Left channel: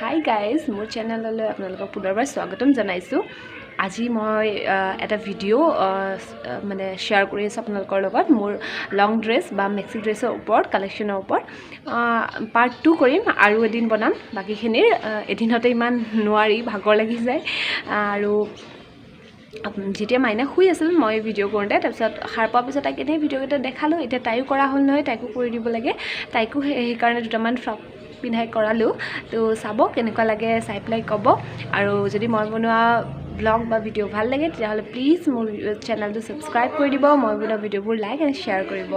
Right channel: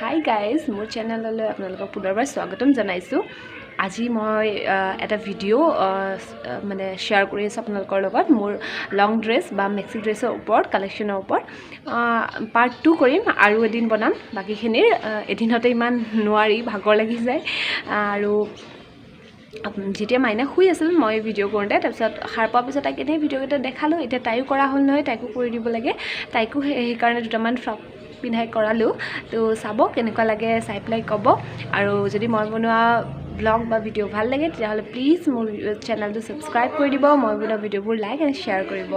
Hi guys মোৰ চেনেললৈ আপোনালোকক পুনৰবাৰ স্বাগতম জনাইছোঁ। আজি মই এটা ভিডিঅ' মানে শ্বেয়াৰ কৰি আছোঁ আপোনালোকৰ লগত মোৰ লং ড্ৰেছ বা মেক্সি ড্ৰেছৰ ওপৰত কালেকশ্যনৰ ওপৰত পাৰ্ট 2 কৰিম আৰু এদিন বনাম। বাকীখিনিৰ এদিনতে ইমান নোৱাৰি, ভাগৰ লাগি যায়। আৰু যেতিয়া মাইনা শুই আছিল মই ভিডিঅ' কৰোঁতে, তাৰপিছত সাৰ পোৱাৰ পিছত তাইক এনেই ভিডিঅ'কেইটা দেখালোঁ। এতিয়া তাইও কৰা হ'ল নহয়, তাইকো কৰি দিব লাগে। তাইকো সেইকাৰণে দুটামান ফ্ৰক পিন্ধাই কৰালোঁ। তো চাব কেনেকুৱা লাগে, চাই পেলাই ক'ব। আৰু যদি মই বনোৱা ব্লগ বা ভিডিঅ' ভাল লাগে তেতিয়াহ'লে প্লিজ মোৰ চেনেলটো ছাবস্ক্ৰাইব কৰি দিব, মই বনোৱা ভিডিঅ'বোৰ লাইক এণ্ড শ্বেয়াৰ কৰিব।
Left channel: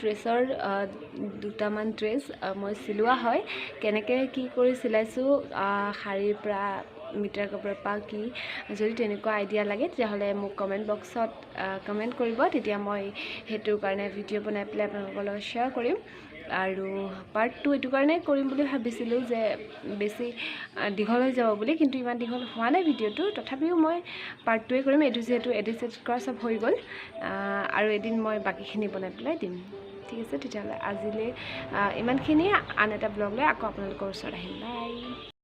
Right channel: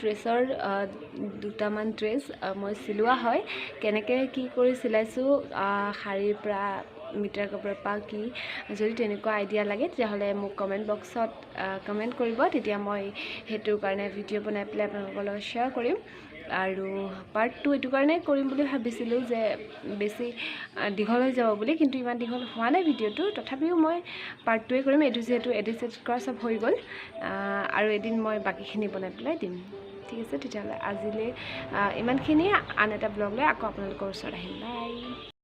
ড্ৰেছৰ দুটামান ড্ৰেছ মই চিলোৱা হয়। কেনেকৈ কি কৰি চিলাইছোঁ, শাৰীৰ পৰা মিটাৰ কাপোৰৰ পৰা কি, যদি তেনেকুৱা আইডিয়া লাগে তেতিয়াহ'লে মোক কমেণ্ট বক্সত কমেণ্ট কৰিব। তেতিয়া মই সেইটোৰ কাৰণে ভিডিঅ' বনাই পেলাই আপোনালোকৰ লগত শ্বেয়াৰ কৰিম। আৰু পাৰ্ট 2 এইটো কাৰণে কৰিম বুলি ভাবিছিলোঁ যে বেছি দীঘল হৈ যাব বুলি, কিন্তু ইমান দীঘল হোৱা নাই ভিডিঅ'টো। তথাপিও মই পাৰ্ট 2 কৰিম। এইটো যিহেতু এডিট কৰা চব হৈ গ'ল, আৰু এদিন মই বাকীখিনি বনাই পেলাই দিম। ঠিক আছে, তেতিয়াহ'লে আজিলৈ ইমানখিনিয়ে। আন এটা ব্লগ লৈ আকৌ আপোনালোকৰ ওচৰত আহিম। বাই।